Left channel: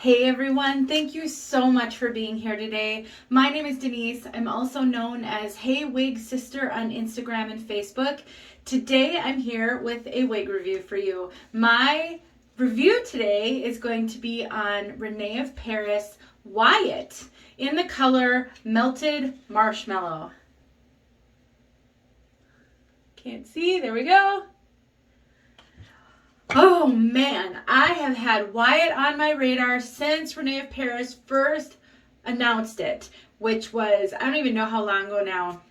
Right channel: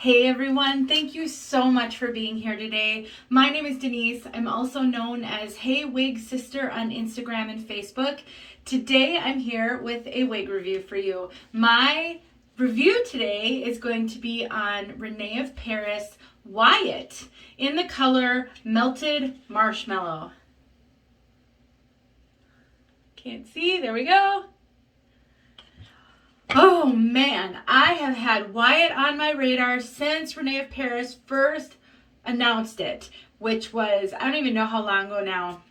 Hey everyone, thank you so much for being here today. My name is Denise. I'm also known as heywigsister on Instagram and Facebook. Today I'm here with a wig review for you. My review today is going to be on Rene of Paris Wyatt in the color Melted Marshmallow. Can't see, there we go. Oh man, I have had Wyatt on my radar since Rene of Paris first announced it, which was, I don't even know how long ago now,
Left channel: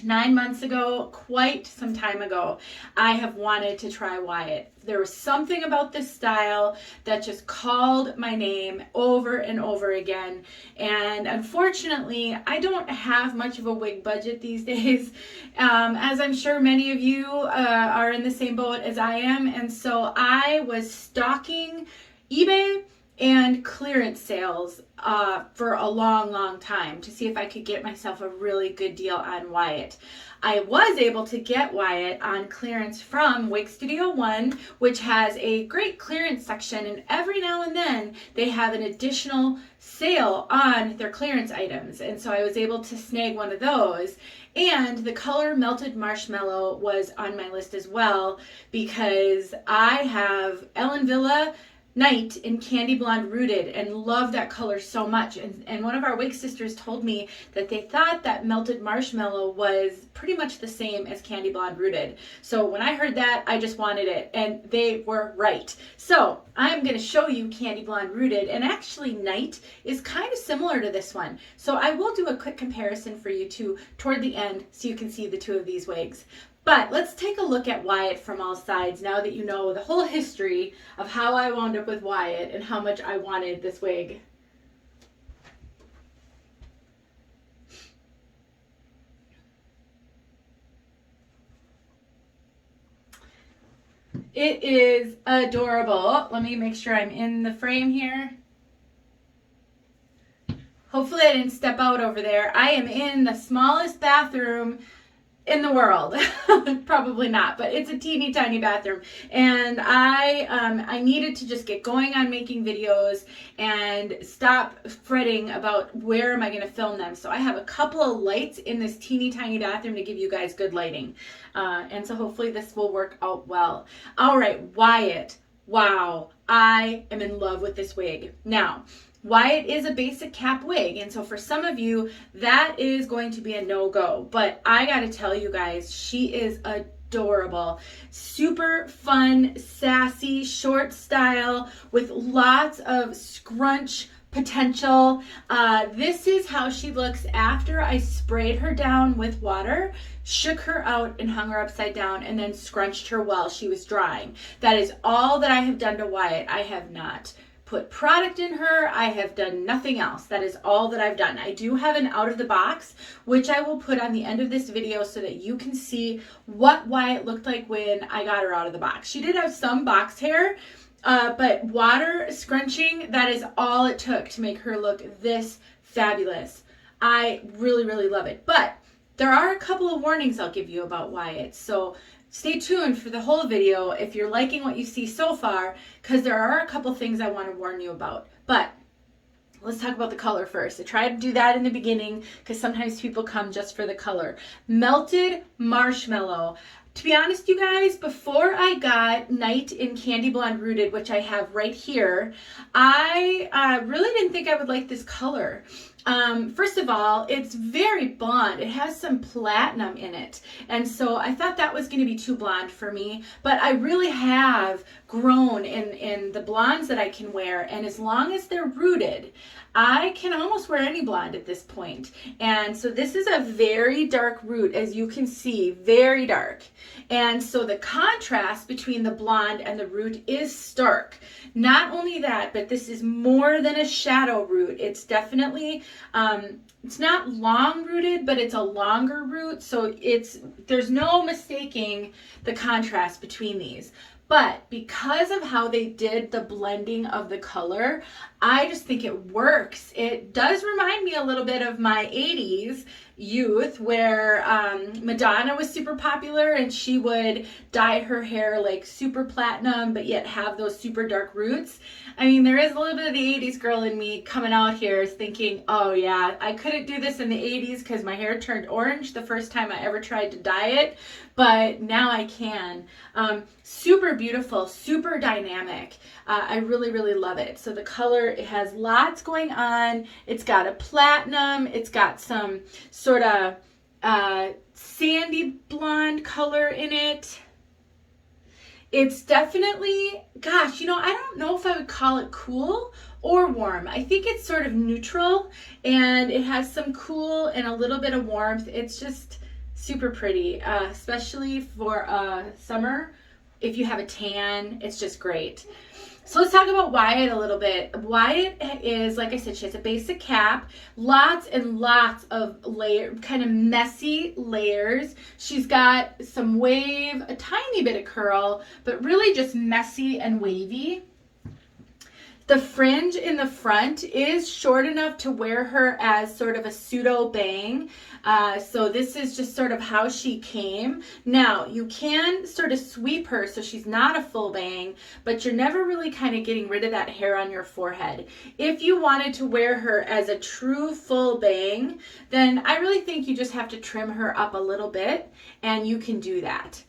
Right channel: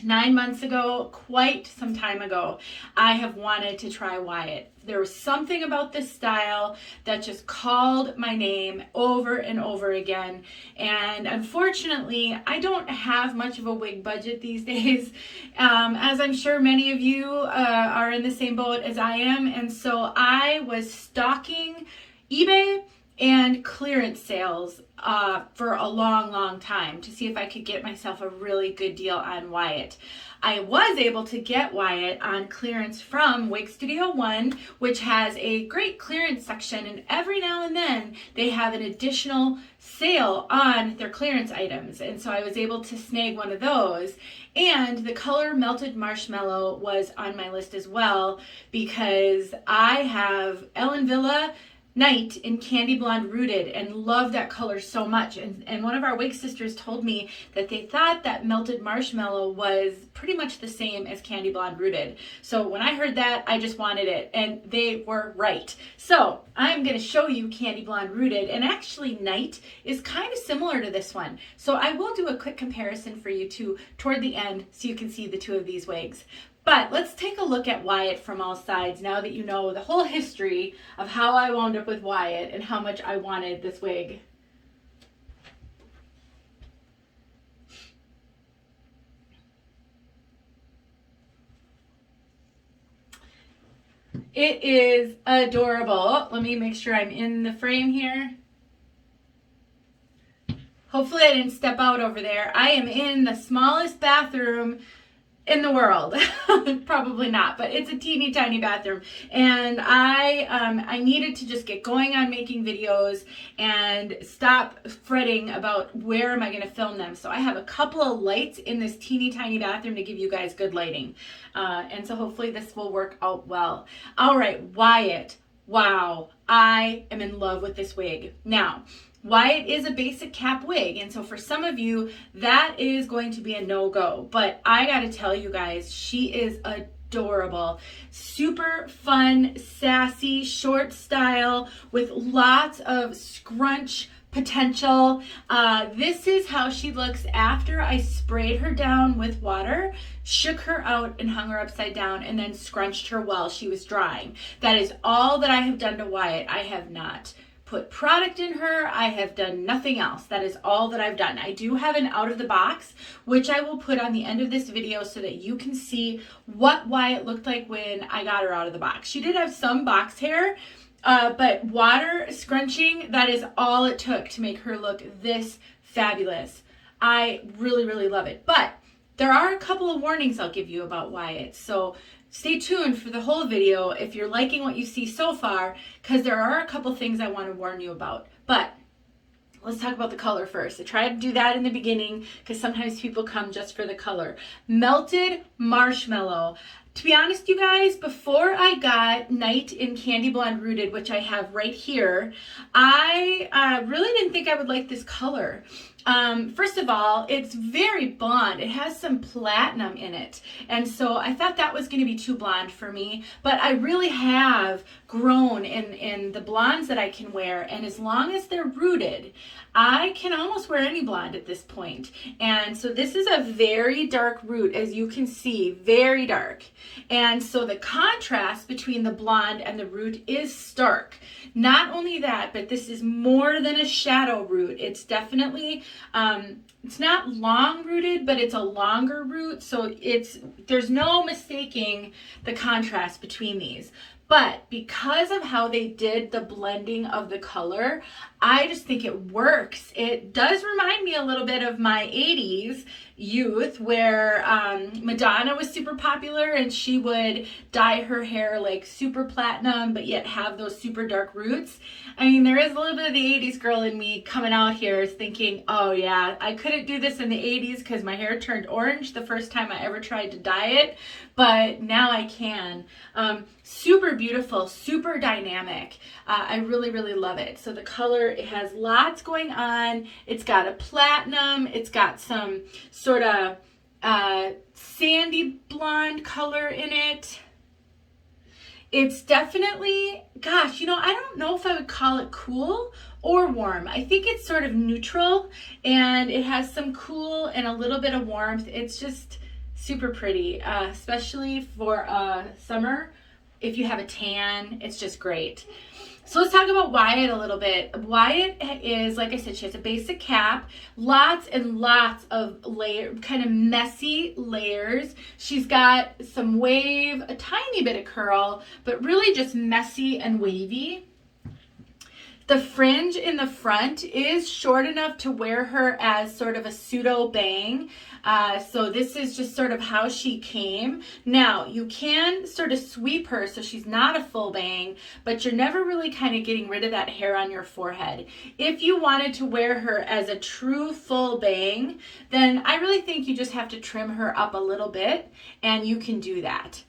9 months ago, quite some time ago. I have wanted to try Wyatt. There was something about this style that just called my name over and over again. And unfortunately, I don't have much of a wig budget these days, as I'm sure many of you are in the same boat as I am. And so I was stalking eBay and clearance sales for a long time to see if I could get myself a really good deal on Wyatt. I was able to get Wyatt on clearance from Wig Studio One, which has a great clearance section, and every now and then they have an additional sale on their clearance items, and so I was able to snag one of those. And the color Melted Marshmallow was on my list as well, because I have Ellen Wille Night in CandyBlonde Rooted and love that color so much. And one of our wig sisters told me that they thought that Melted Marshmallow was pretty much the same as CandyBlonde Rooted. So when I heard that, I just wanted it, and they were right. So I'm going to show you CandyBlonde Rooted, and actually Night is kind of similar to this one. So I will do a quick comparison for you two toward the end so you can see the two of these wigs. But let's take a look at Wyatt from all sides now that you know the whole history of how I wound up with Wyatt and how much I wanted this wig. It is adorable. Let me make sure I'm in the frame here. Hopefully I didn't step out over there. I am in the smallest bathroom in the world. Probably not, but it's a teeny tiny bathroom, and I needed to just get going on making videos and stop fretting about where am I going to film them. So I have a couple of lights in this teeny tiny bathroom to give you guys good lighting, and so hopefully this will work out well. All right, Wyatt. Wow, I am in love with this wig. Now, Wyatt is a basic cap wig, and so for some of you that is going to be a no-go, but I gotta tell you guys, she is adorable. Super fun, sassy, short style with lots of scrunch potential. This is how she looks after I sprayed her down with water, shook her out and hung her upside down, and then scrunched her while she was drying. That is all that I have done to Wyatt. I have not put product in her. I have done nothing else. That is all that I've done. I do have an out of the box, which I will put on the end of this video so that you can see what Wyatt looked like when I got her out of the box. She did have some box hair, but water scrunching, that is all it took to make her look this fabulous. I really love it. But there are a couple of warnings I'll give you about Wyatt. So stay tuned for the whole video if you're liking what you see so far, because there are a couple things I want to warn you about. But let's talk about the color first. I tried to do that in the beginning because sometimes people come just for the color. Melted Marshmallow. To be honest, you guys, before I got Night in CandyBlonde Rooted, which I have right here, I really didn't think I would like this color. First of all, it's very blonde. It has some platinum in it. And so I thought that was going to be too blonde for me, but I really have grown in the blondes that I can wear. And as long as they're rooted, I can almost wear any blonde at this point. And so this is a very dark root, as you can see, very dark. And so the contrast between the blonde and the root is stark. Not only that, but this is more than a shadow root. It's definitely, it's not long rooted, but it's a longer root. So there's no mistaking the contrast between these. But because of how they did the blending of the color, I just think it works. It does remind me a little bit of my 80s youth, where Madonna was super popular and she would dye her hair like super platinum but yet have those super dark roots. I mean, there is a little bit of the 80s girl in me coming out here thinking, oh yeah, I couldn't do this in the 80s because my hair turned orange the first time I ever tried to dye it, but now I can. Super beautiful, super dynamic. I really, really love it. So the color, it has lots going on. It's got a platinum. It's got some sort of sandy blonde color in it. It's definitely, gosh, you know, I don't know if I would call it cool or warm. I think it's sort of neutral, and it has some cool and a little bit of warmth. It's just super pretty, especially for summer. If you have a tan, it's just great. So let's talk about Wyatt a little bit. Wyatt is, like I said, she has a basic cap, lots and lots of kind of messy layers. She's got some wave, a tiny bit of curl, but really just messy and wavy. The fringe in the front is short enough to wear her as sort of a pseudo bang. So this is just sort of how she came. Now, you can sort of sweep her so she's not a full bang, but you're never really kind of getting rid of that hair on your forehead. If you wanted to wear her as a true full bang, then I really think you just have to trim her up a little bit, and you can do that.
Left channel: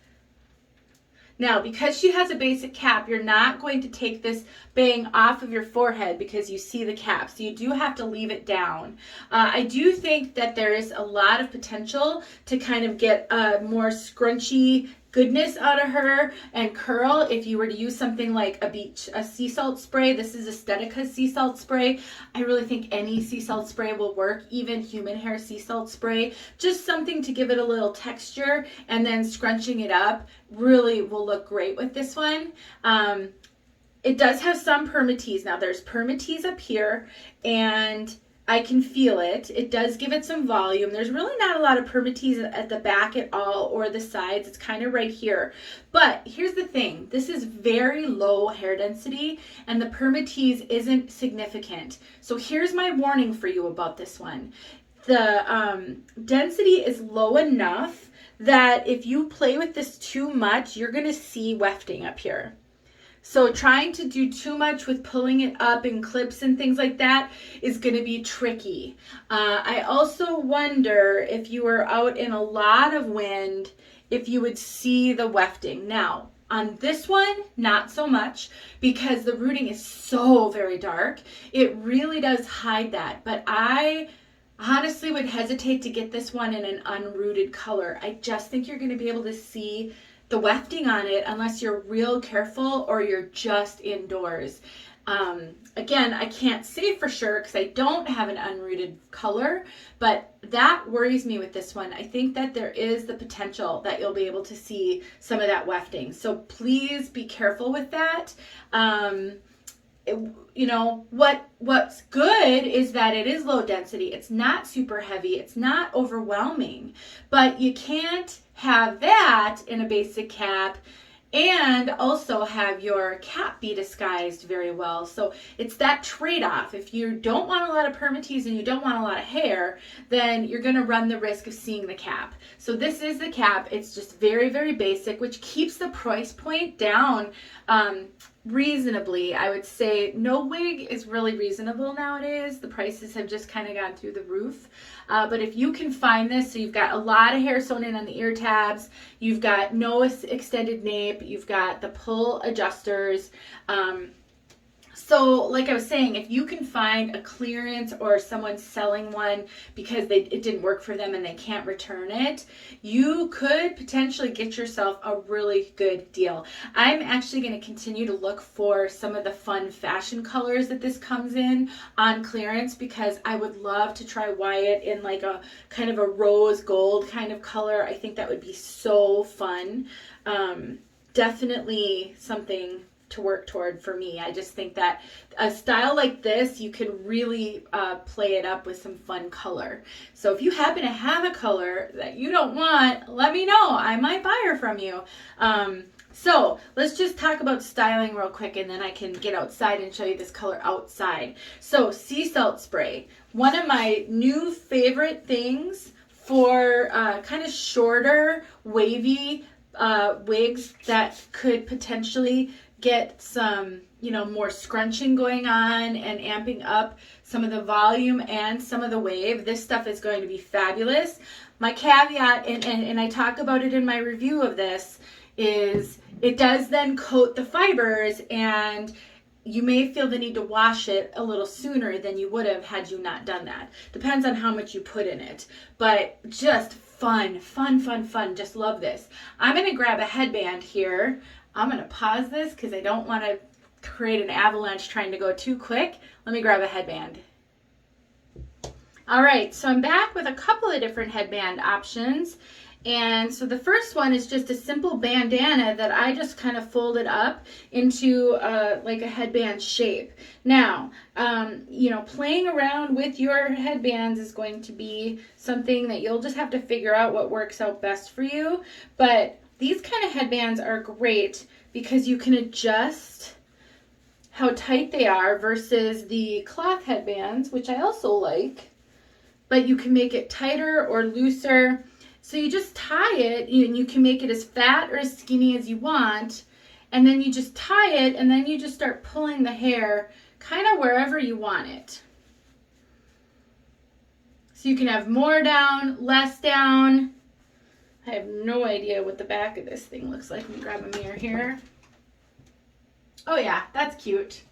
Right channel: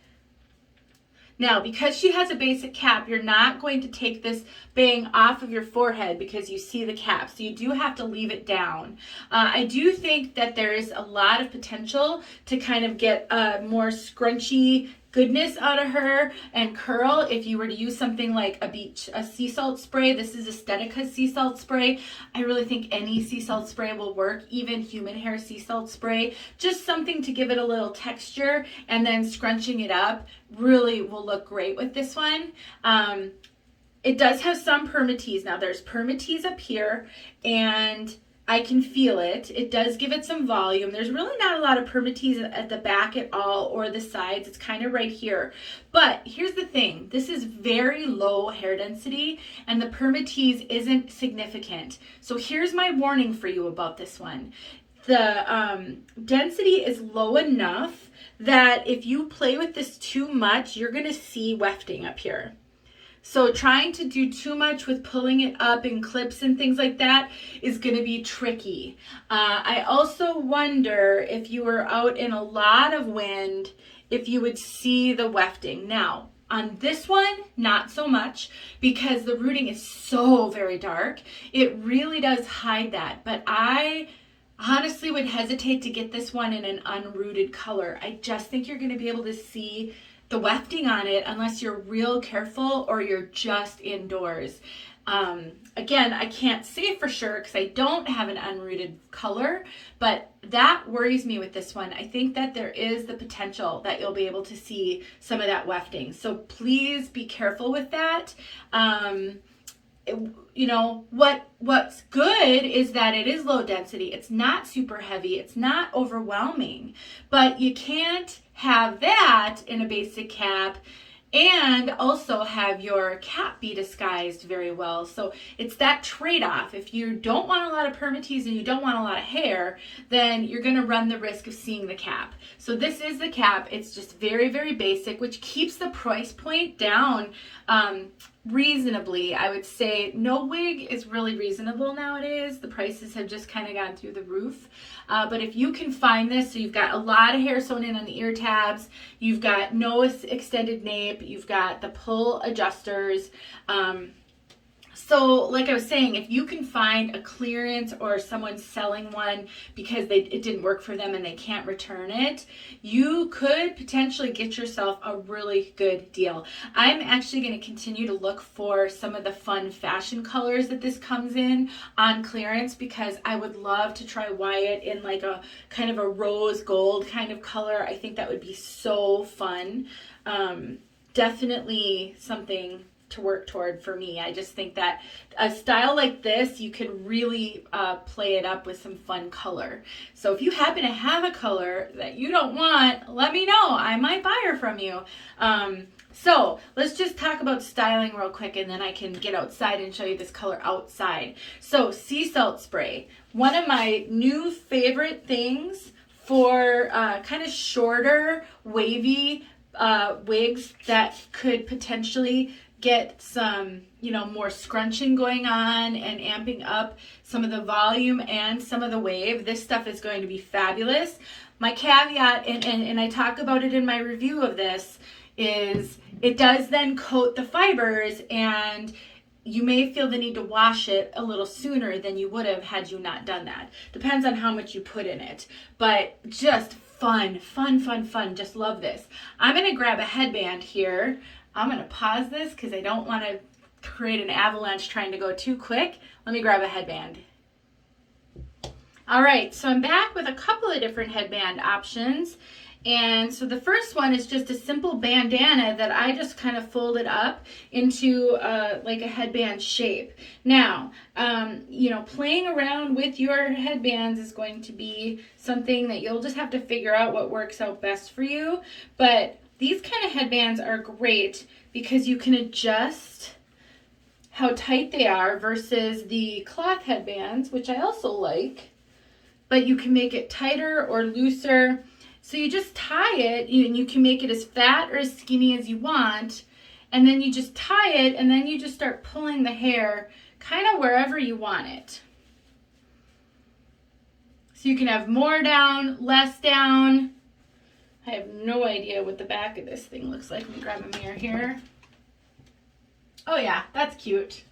Now, because she has a basic cap, you're not going to take this bang off of your forehead because you see the cap. So you do have to leave it down. I do think that there is a lot of potential to kind of get a more scrunchy goodness out of her and curl if you were to use something like a sea salt spray. This is Aesthetica's sea salt spray. I really think any sea salt spray will work, even human hair sea salt spray. Just something to give it a little texture, and then scrunching it up really will look great with this one. It does have some permatease. Now there's permatease up here, and I can feel it. It does give it some volume. There's really not a lot of permatease at the back at all, or the sides. It's kind of right here. But here's the thing. This is very low hair density, and the permatease isn't significant. So here's my warning for you about this one. The density is low enough that if you play with this too much, you're going to see wefting up here. So trying to do too much with pulling it up in clips and things like that is going to be tricky. I also wonder if you were out in a lot of wind, if you would see the wefting. Now, on this one, not so much, because the rooting is so very dark. It really does hide that. But I honestly would hesitate to get this one in an unrooted color. I just think you're going to be able to see the wefting on it unless you're real careful or you're just indoors. Again, I can't say for sure because I don't have an unrooted color, but that worries me with this one. I think that there is the potential that you'll be able to see some of that wefting. So please be careful with that. You know, what's good is that it is low density. It's not super heavy. It's not overwhelming, but you can't have that in a basic cap and also have your cap be disguised very well. So it's that trade-off. If you don't want a lot of permatease and you don't want a lot of hair, then you're going to run the risk of seeing the cap. So this is the cap. It's just very, very basic, which keeps the price point down reasonably. I would say no wig is really reasonable nowadays. The prices have just kind of gone through the roof. But if you can find this, so you've got a lot of hair sewn in on the ear tabs, you've got no extended nape, you've got the pull adjusters. So like I was saying, if you can find a clearance or someone selling one because it didn't work for them and they can't return it, you could potentially get yourself a really good deal. I'm actually going to continue to look for some of the fun fashion colors that this comes in on clearance, because I would love to try Wyatt in like a kind of a rose gold kind of color. I think that would be so fun. Definitely something to work toward for me. I just think that a style like this, you can really play it up with some fun color. So if you happen to have a color that you don't want, let me know. I might buy her from you. So let's just talk about styling real quick, and then I can get outside and show you this color outside. So sea salt spray, one of my new favorite things for kind of shorter, wavy wigs that could potentially get some, you know, more scrunching going on and amping up some of the volume and some of the wave. This stuff is going to be fabulous. My caveat, and I talk about it in my review of this, is it does then coat the fibers, and you may feel the need to wash it a little sooner than you would have had you not done that. Depends on how much you put in it. But just fun, fun, fun, fun. Just love this. I'm going to grab a headband here. I'm going to pause this because I don't want to create an avalanche trying to go too quick. Let me grab a headband. All right, so I'm back with a couple of different headband options. And so the first one is just a simple bandana that I just kind of folded up into like a headband shape. Now, you know, playing around with your headbands is going to be something that you'll just have to figure out what works out best for you. But these kind of headbands are great because you can adjust how tight they are versus the cloth headbands, which I also like, but you can make it tighter or looser. So you just tie it, and you can make it as fat or as skinny as you want, and then you just tie it, and then you just start pulling the hair kind of wherever you want it. So you can have more down, less down. I have no idea what the back of this thing looks like. Let me grab a mirror here. Oh yeah, that's cute.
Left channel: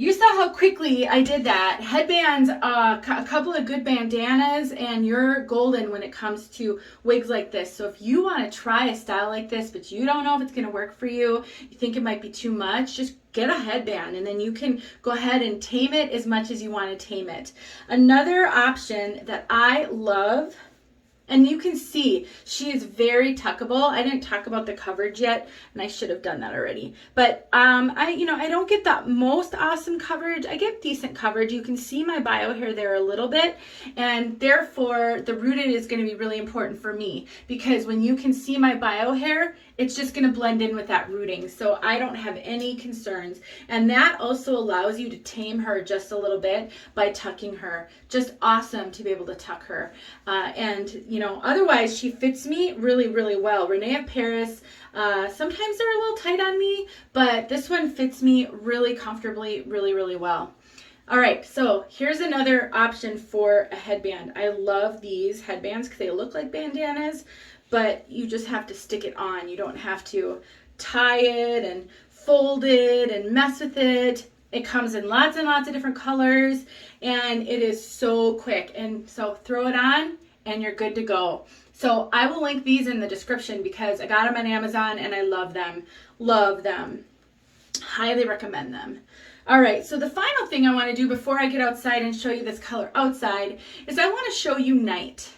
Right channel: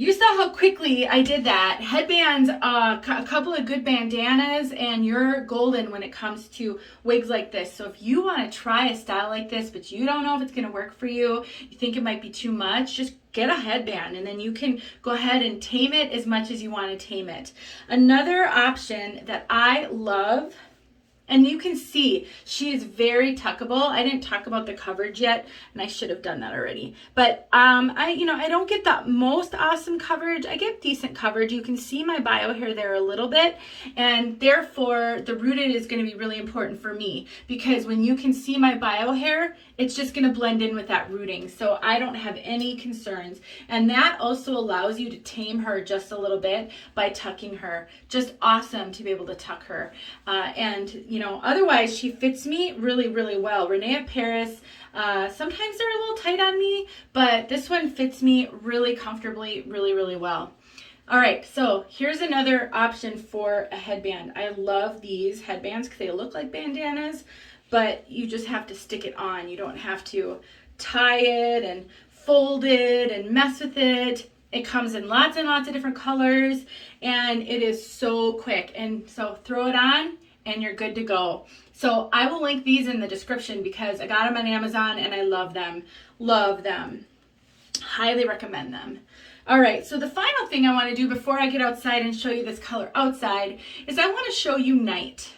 You saw how quickly I did that. Headbands, a couple of good bandanas, and you're golden when it comes to wigs like this. So if you want to try a style like this, but you don't know if it's going to work for you, you think it might be too much, just get a headband, and then you can go ahead and tame it as much as you want to tame it. Another option that I love, and you can see she is very tuckable. I didn't talk about the coverage yet, and I should have done that already. But I don't get the most awesome coverage. I get decent coverage. You can see my bio hair there a little bit, and therefore the rooted is going to be really important for me, because when you can see my bio hair, it's just going to blend in with that rooting. So I don't have any concerns. And that also allows you to tame her just a little bit by tucking her. Just awesome to be able to tuck her. Otherwise she fits me really, really well. Rene of Paris, sometimes they're a little tight on me, but this one fits me really comfortably, really, really well. All right, so here's another option for a headband. I love these headbands because they look like bandanas, but you just have to stick it on. You don't have to tie it and fold it and mess with it. It comes in lots and lots of different colors, and it is so quick. And so throw it on and you're good to go. So I will link these in the description because I got them on Amazon and I love them. Love them. Highly recommend them. All right, so the final thing I want to do before I get outside and show you this color outside is I want to show you Night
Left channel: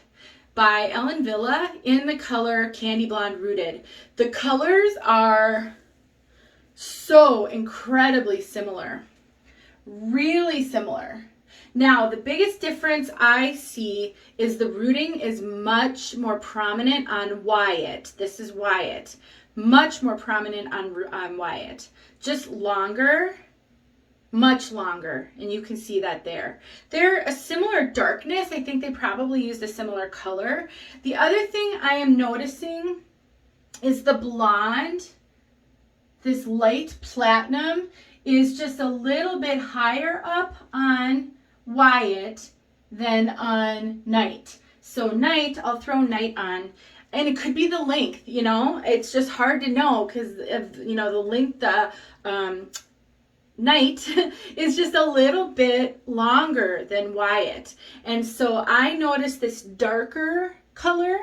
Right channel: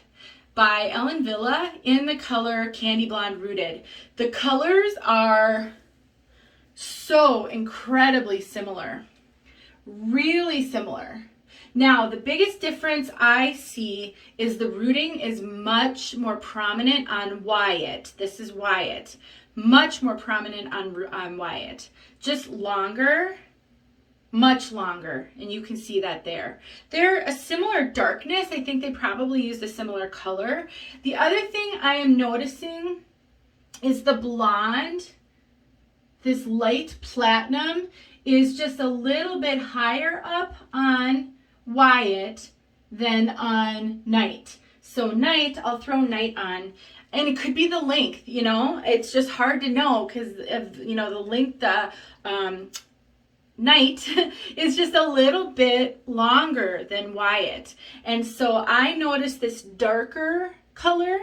by Ellen Wille in the color CandyBlonde Rooted. The colors are so incredibly similar, really similar. Now, the biggest difference I see is the rooting is much more prominent on Wyatt. This is Wyatt. Much more prominent on Wyatt. Just longer, much longer, and you can see that there. They're a similar darkness. I think they probably used a similar color. The other thing I am noticing is the blonde, this light platinum, is just a little bit higher up on Wyatt than on Night. So Night, I'll throw Night on, and it could be the length, it's just hard to know because of, the length, Night is just a little bit longer than Wyatt. And so I noticed this darker color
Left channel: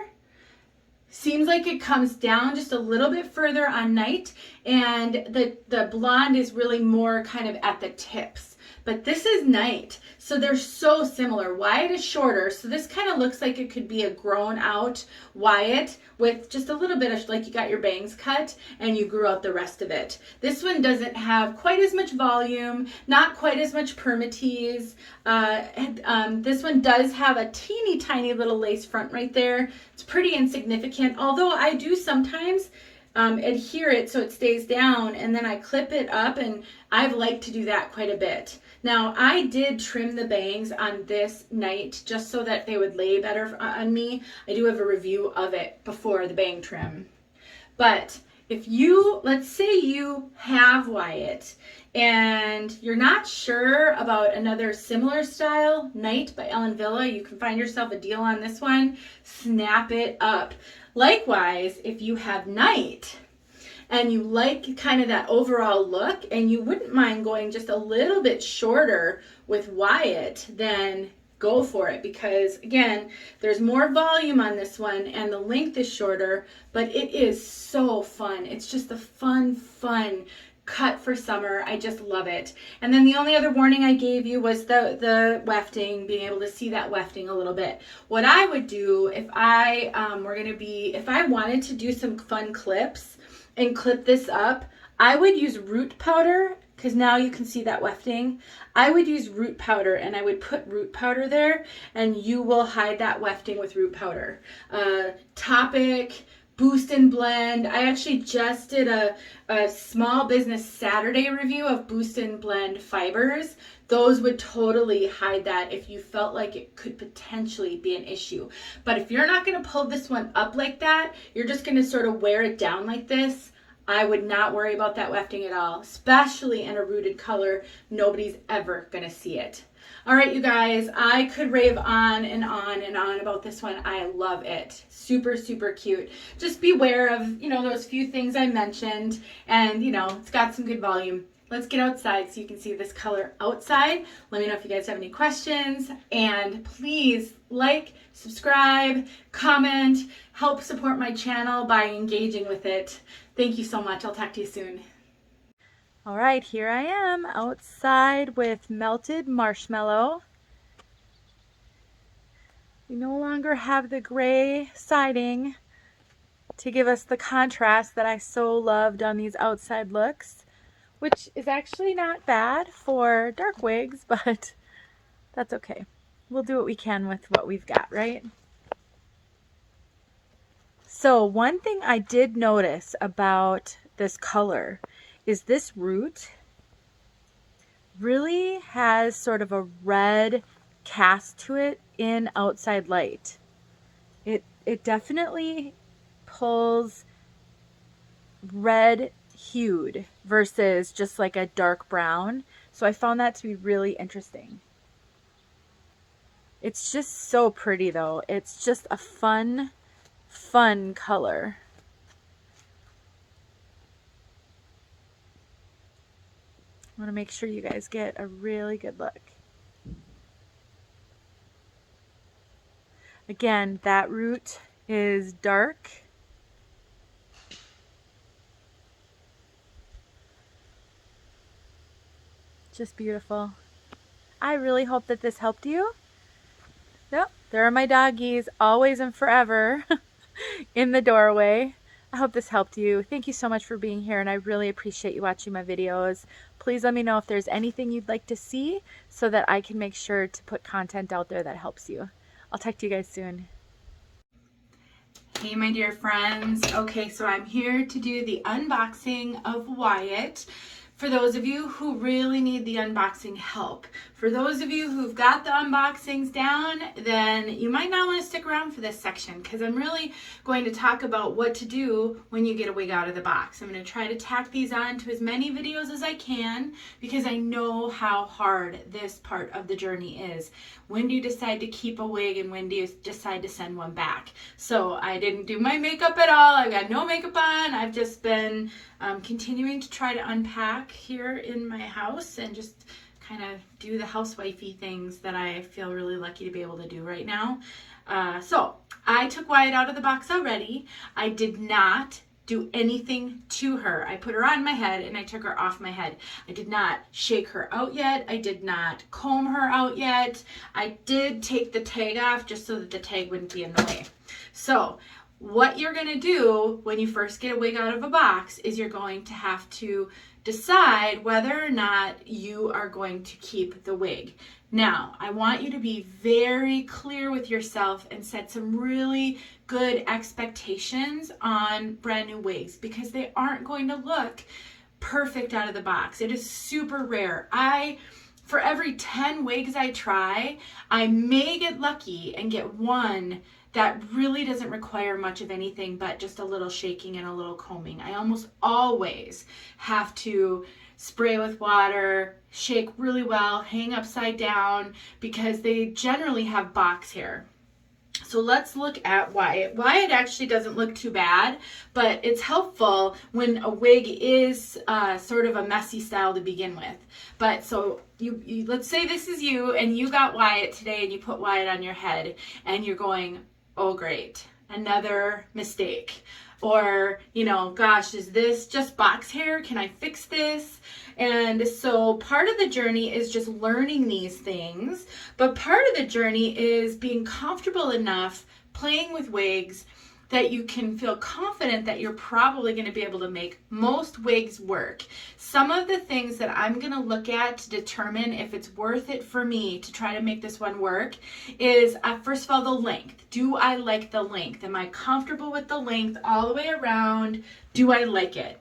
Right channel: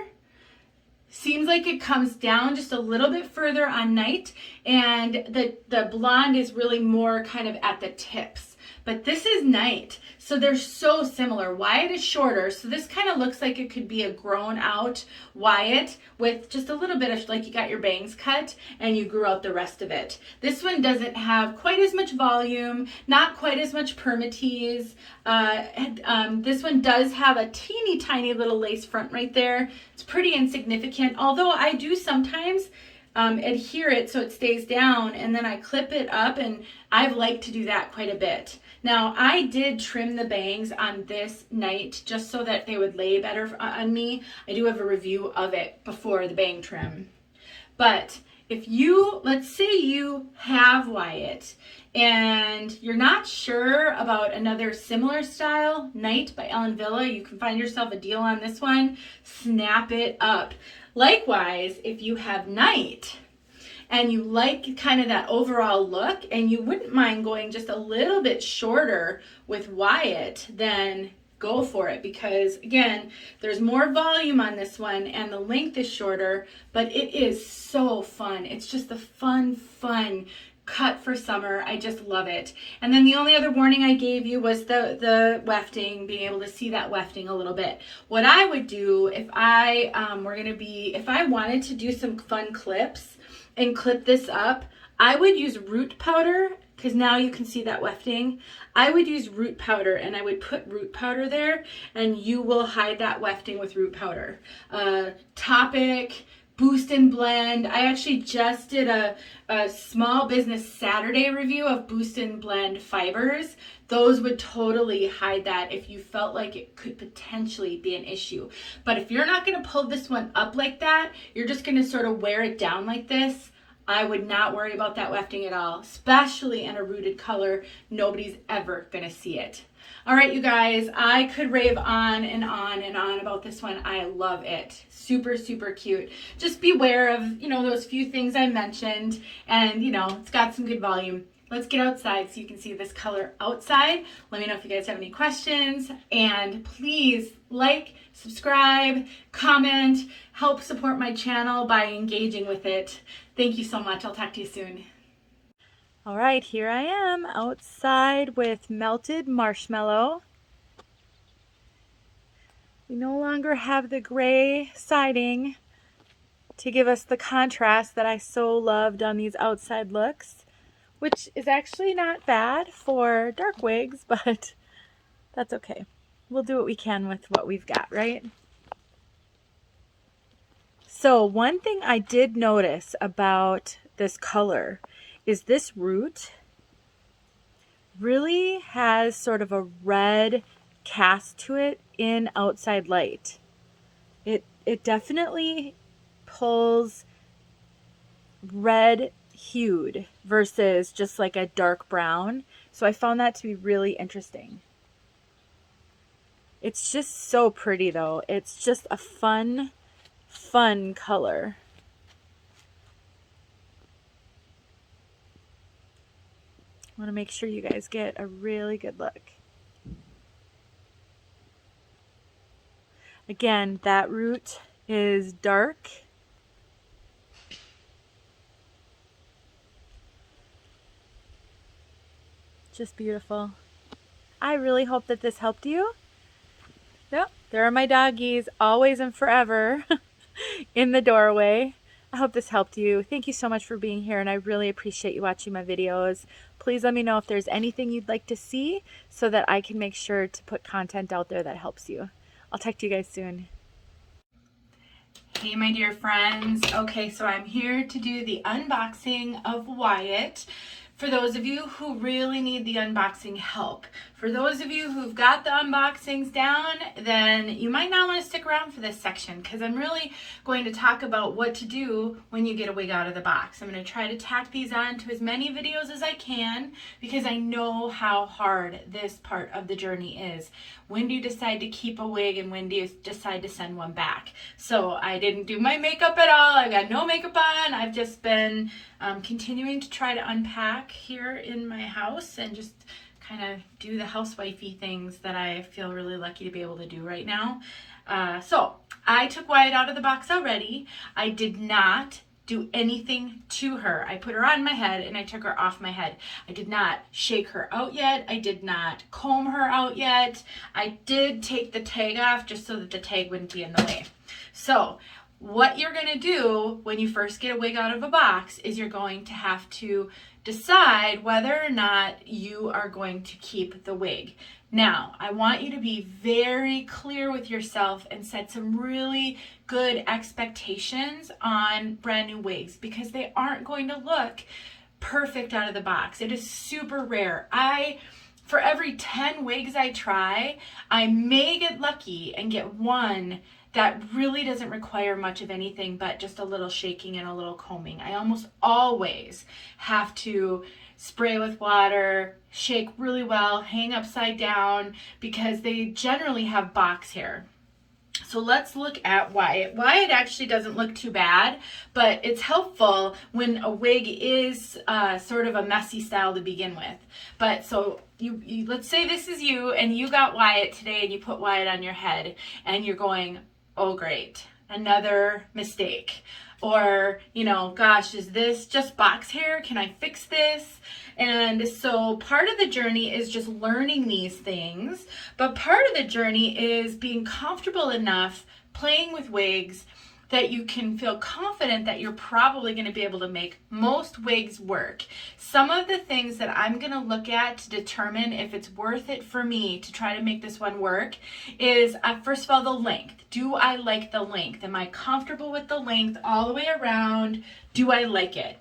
seems like it comes down just a little bit further on Night, and the blonde is really more kind of at the tips. but this is Night. So they're so similar. Wyatt is shorter, so this kind of looks like it could be a grown out Wyatt with just a little bit of, like you got your bangs cut and you grew out the rest of it. This one doesn't have quite as much volume, not quite as much permatease. This one does have a teeny tiny little lace front right there. It's pretty insignificant, although I do sometimes adhere it so it stays down, and then I clip it up, and I've liked to do that quite a bit. Now, I did trim the bangs on this Night just so that they would lay better on me. I do have a review of it before the bang trim. But if you, let's say you have Wyatt and you're not sure about another similar style, Night by Ellen Wille, you can find yourself a deal on this one, snap it up. Likewise, if you have Night and you like kind of that overall look and you wouldn't mind going just a little bit shorter with Wyatt, then go for it, because again, there's more volume on this one and the length is shorter, but it is so fun. It's just a fun cut for summer. I just love it. And then the only other warning I gave you was the wefting, being able to see that wefting a little bit. What I would do if I if I wanted to do some fun clips and clip this up, I would use root powder, because now you can see that wefting. I would use root powder, and I would put root powder there, and you will hide that wefting with root powder. Topic, Boost and Blend. I actually just did a Small Business Saturday review of Boost and Blend fibers. Those would totally hide that if you felt like it could potentially be an issue. But if you're not going to pull this one up like that, you're just going to sort of wear it down like this, I would not worry about that wefting at all, especially in a rooted color. Nobody's ever going to see it. All right, you guys, I could rave on and on and on about this one. I love it. Super cute. Just beware of, those few things I mentioned, and, it's got some good volume. Let's get outside so you can see this color outside. Let me know if you guys have any questions, and please like, subscribe, comment, help support my channel by engaging with it. Thank you so much. I'll talk to you soon. All right, here I am outside with Melted Marshmallow. We no longer have the gray siding to give us the contrast that I so loved on these outside looks, which is actually not bad for dark wigs, but that's okay. We'll do what we can with what we've got, right? So one thing I did notice about this color is this root really has sort of a red cast to it in outside light. It definitely pulls red hued versus just like a dark brown. So I found that to be really interesting. It's just so pretty though. It's just a fun color. I want to make sure you guys get a really good look. Again, that root is dark. Just beautiful. I really hope that this helped you. Yep, there are my doggies, always and forever, in the doorway. I hope this helped you. Thank you so much for being here, and I really appreciate you watching my videos. Please let me know if there's anything you'd like to see so that I can make sure to put content out there that helps you. I'll talk to you guys soon. Hey, my dear friends. Okay, so I'm here to do the unboxing of Wyatt. For those of you who really need the unboxing help. For those of you who've got the unboxings down, then you might not want to stick around for this section, because I'm really going to talk about what to do when you get a wig out of the box. I'm going to try to tack these on to as many videos as I can, because I know how hard this part of the journey is. When do you decide to keep a wig, and when do you decide to send one back? So I didn't do my makeup at all. I've got no makeup on. I've just been continuing to try to unpack here in my house and just kind of do the housewifey things that I feel really lucky to be able to do right now. So I took Wyatt out of the box already. I did not do anything to her. I put her on my head and I took her off my head. I did not shake her out yet. I did not comb her out yet. I did take the tag off just so that the tag wouldn't be in the way. So what you're going to do when you first get a wig out of a box is you're going to have to decide whether or not you are going to keep the wig. Now, I want you to be very clear with yourself and set some really good expectations on brand new wigs, because they aren't going to look perfect out of the box. It is super rare. For every 10 wigs I try, I may get lucky and get one that really doesn't require much of anything but just a little shaking and a little combing. I almost always have to spray with water, shake really well, hang upside down, because they generally have box hair. So let's look at Wyatt. Wyatt actually doesn't look too bad, but it's helpful when a wig is sort of a messy style to begin with. But so you let's say this is you and you got Wyatt today and you put Wyatt on your head and you're going, oh great, another mistake. Or, you know, gosh, is this just box hair? Can I fix this? And so part of the journey is just learning these things, but part of the journey is being comfortable enough playing with wigs that you can feel confident that you're probably going to be able to make most wigs work. Some of the things that I'm going to look at to determine if it's worth it for me to try to make this one work is, first of all, the length. Do I like the length? Am I comfortable with the length all the way around? Do I like it?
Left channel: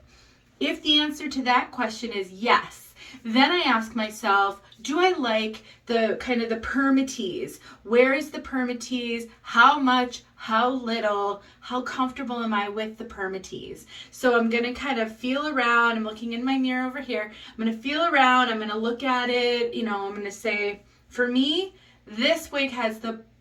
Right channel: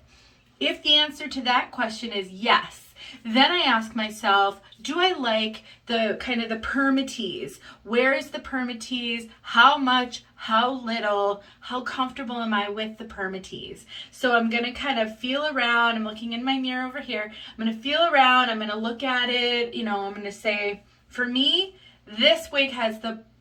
If the answer to that question is yes, then I ask myself, do I like the kind of the permatease? Where is the permatease? How much? How little? How comfortable am I with the permatease? So I'm going to kind of feel around. I'm looking in my mirror over here. I'm going to feel around. I'm going to look at it. You know, I'm going to say, for me, this wig has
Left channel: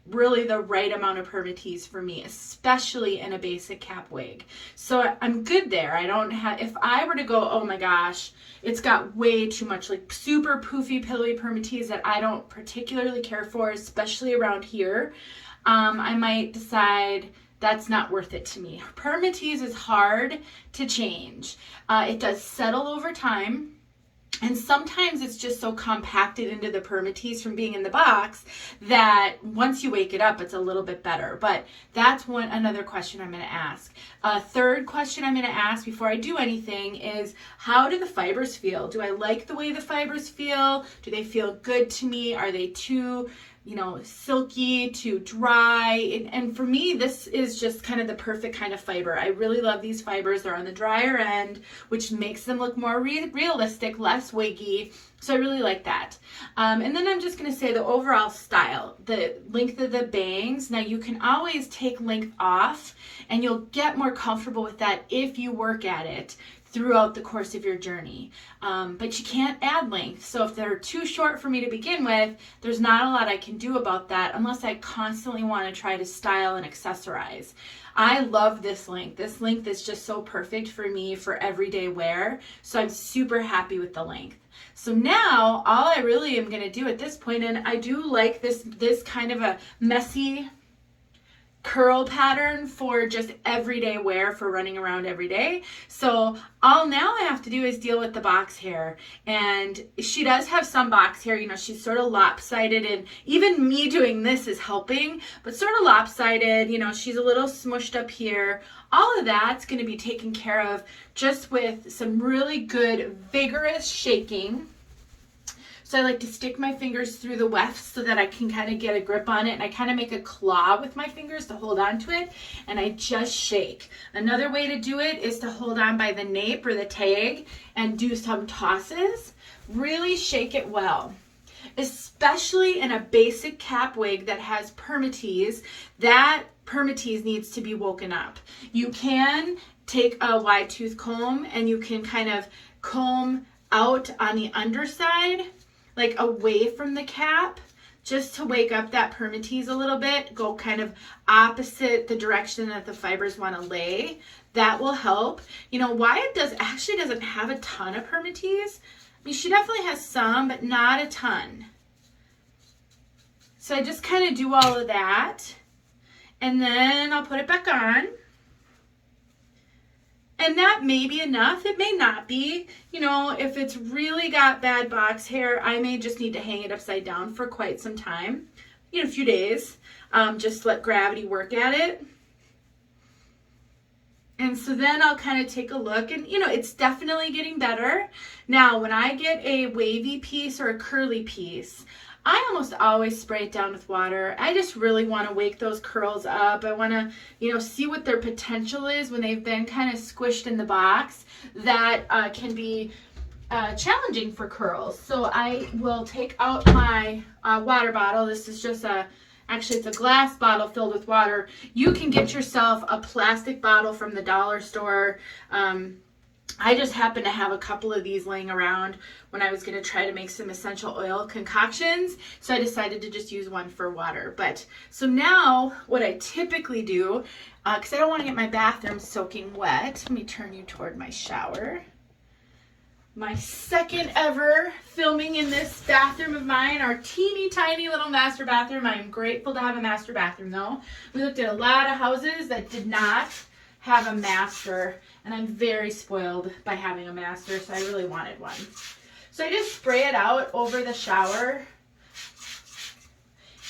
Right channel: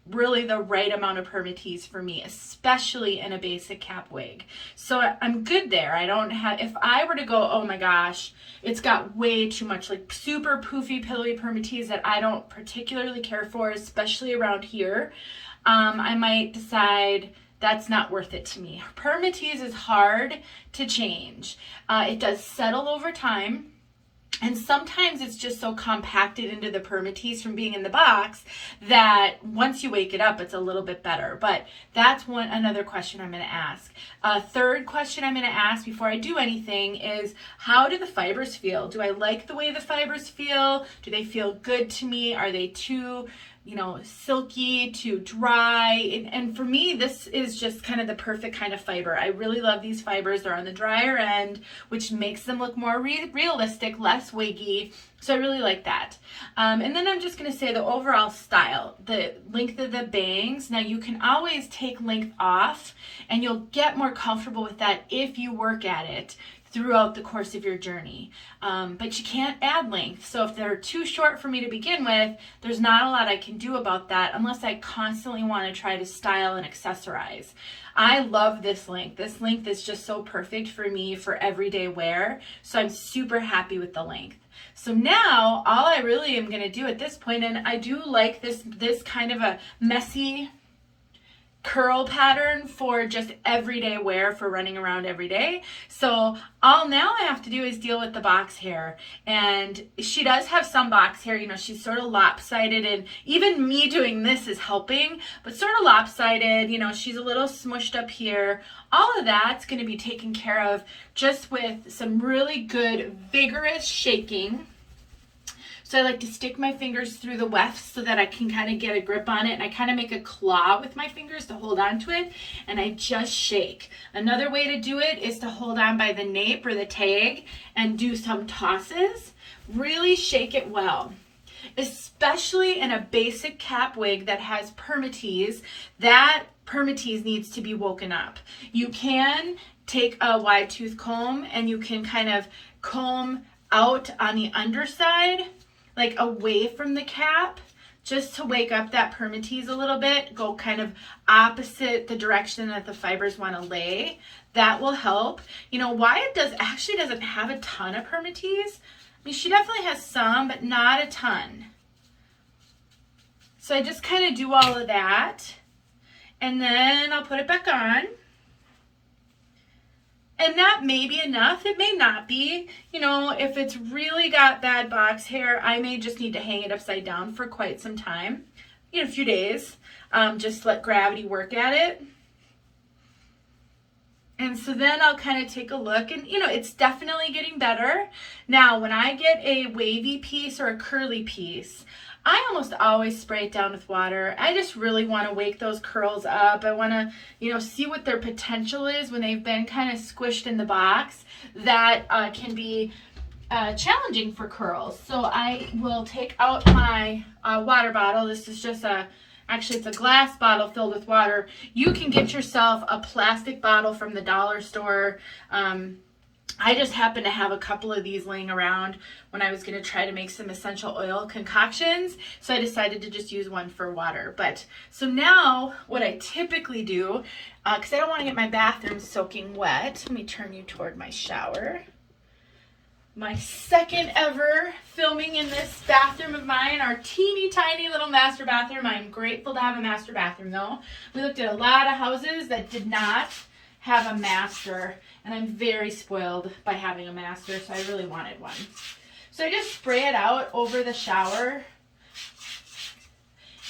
really the right amount of permatease for me, especially in a basic cap wig. So I'm good there. I don't have, if I were to go, oh my gosh, it's got way too much like super poofy, pillowy permatease that I don't particularly care for, especially around here, I might decide that's not worth it to me. Permatease is hard to change. It does settle over time. And sometimes it's just so compacted into the permatease from being in the box that once you wake it up, it's a little bit better. But that's another question I'm going to ask. A third question I'm going to ask before I do anything is, how do the fibers feel? Do I like the way the fibers feel? Do they feel good to me? Are they too, silky, too dry? And for me, this is just kind of the perfect kind of fiber. I really love these fibers. They're on the drier end, which makes them look more realistic, less wiggy. So I really like that. And then I'm just going to say the overall style, the length of the bangs. Now you can always take length off and you'll get more comfortable with that if you work at it throughout the course of your journey. But you can't add length. So if they're too short for me to begin with, there's not a lot I can do about that unless I constantly want to try to style and accessorize. I love this length. This length is just so perfect for me for everyday wear. So I'm super happy with the length. So now all I really am going to do at this point, and I do like this kind of a messy curl pattern for just everyday wear for running around every day. So all now I have to do is deal with the box hair. And she does have some box hair, she's sort of lopsided, and even me doing this is helping, but sort of lopsided, she's a little smushed up here. All of that's going to be taken care of just with some really good vigorous shaking. So I like to stick my fingers through the wefts so that I can kind of get a grip on it, and I kind of make a claw with my fingers to hold on to it, and I just shake. Another way to do it is to hold on by the nape or the tag and do some tosses. Really shake it well. Especially in a basic cap wig that has permatease, that permatease needs to be woken up. You can take a wide tooth comb and you can kind of comb out on the underside, like away from the cap, just to wake up that permatease a little bit. Go kind of opposite the direction that the fibers want to lay. That will help. Wyatt actually doesn't have a ton of permatease. I mean, she definitely has some, but not a ton. So I just kind of do all of that, and then I'll put it back on. And that may be enough. It may not be. You know, if it's really got bad box hair, I may just need to hang it upside down for quite some time, you know, a few days. Just let gravity work at it. And so then I'll kind of take a look, and you know, it's definitely getting better. Now, when I get a wavy piece or a curly piece, I almost always spray it down with water. I just really want to wake those curls up. I want to, you know, see what their potential is when they've been kind of squished in the box. That can be challenging for curls. So I will take out my water bottle. This is just actually it's a glass bottle filled with water. You can get yourself a plastic bottle from the dollar store. I just happen to have a couple of these laying around when I was going to try to make some essential oil concoctions. So I decided to just use one for water. But so now what I typically do, because I don't want to get my bathroom soaking wet, let me turn you toward my shower. My second ever filming in this bathroom of mine, our teeny tiny little master bathroom. I'm grateful to have a master bathroom though. We looked at a lot of houses that did not have a master, and I'm very spoiled by having a master, so I really wanted one. So I just spray it out over the shower,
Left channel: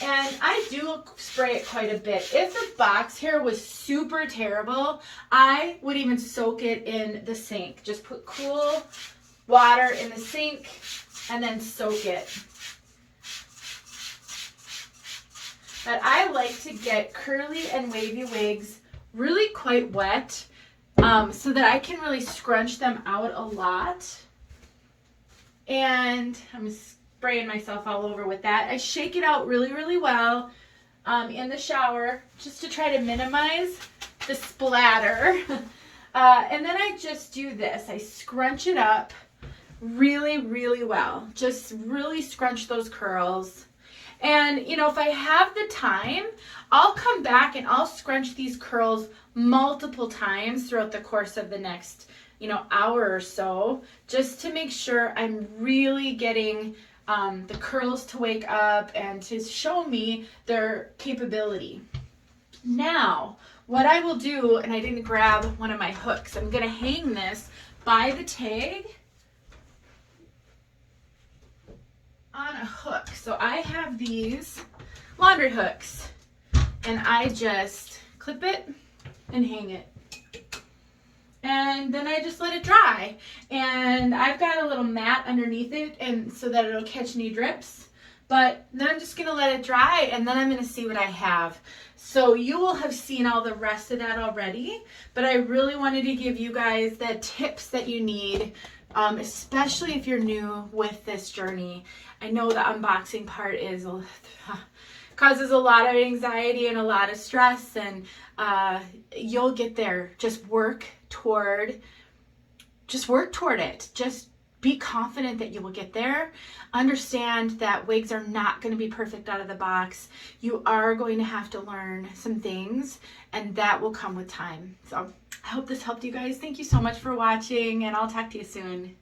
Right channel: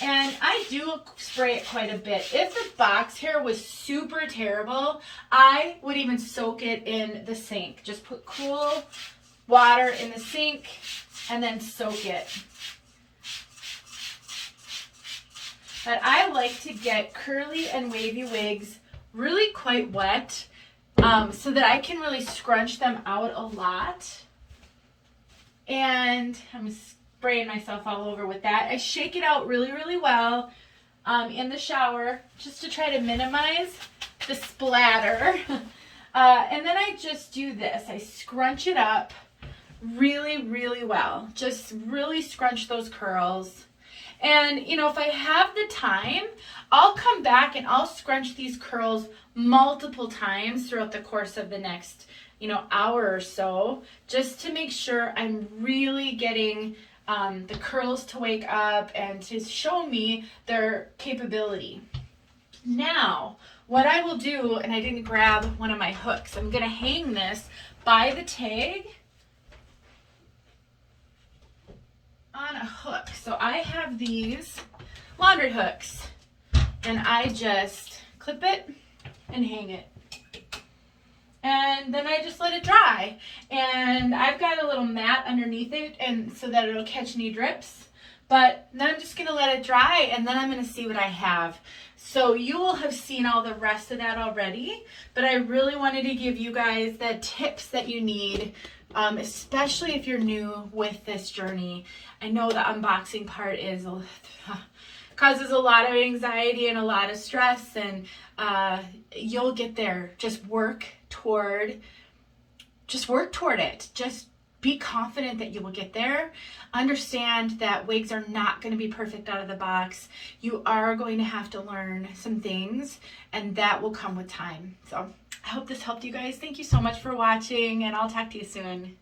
and I do spray it quite a bit. If the box hair was super terrible, I would even soak it in the sink. Just put cool water in the sink and then soak it. But I like to get curly and wavy wigs really quite wet, so that I can really scrunch them out a lot. And I'm spraying myself all over with that. I shake it out really, really well in the shower just to try to minimize the splatter. And then I just do this. I scrunch it up really, really well. Just really scrunch those curls. And, you know, if I have the time, I'll come back and I'll scrunch these curls multiple times throughout the course of the next, you know, hour or so, just to make sure I'm really getting the curls to wake up and to show me their capability. Now, what I will do, and I didn't grab one of my hooks, I'm going to hang this by the tag on a hook. So I have these laundry hooks, and I just clip it and hang it. And then I just let it dry. And I've got a little mat underneath it, and so that it'll catch any drips. But then I'm just gonna let it dry, and then I'm gonna see what I have. So you will have seen all the rest of that already, but I really wanted to give you guys the tips that you need, especially if you're new with this journey. I know the unboxing part causes a lot of anxiety and a lot of stress, and you'll get there. Just work toward it. Just be confident that you will get there. Understand that wigs are not going to be perfect out of the box. You are going to have to learn some things, and that will come with time. So I hope this helped you guys. Thank you so much for watching, and I'll talk to you soon.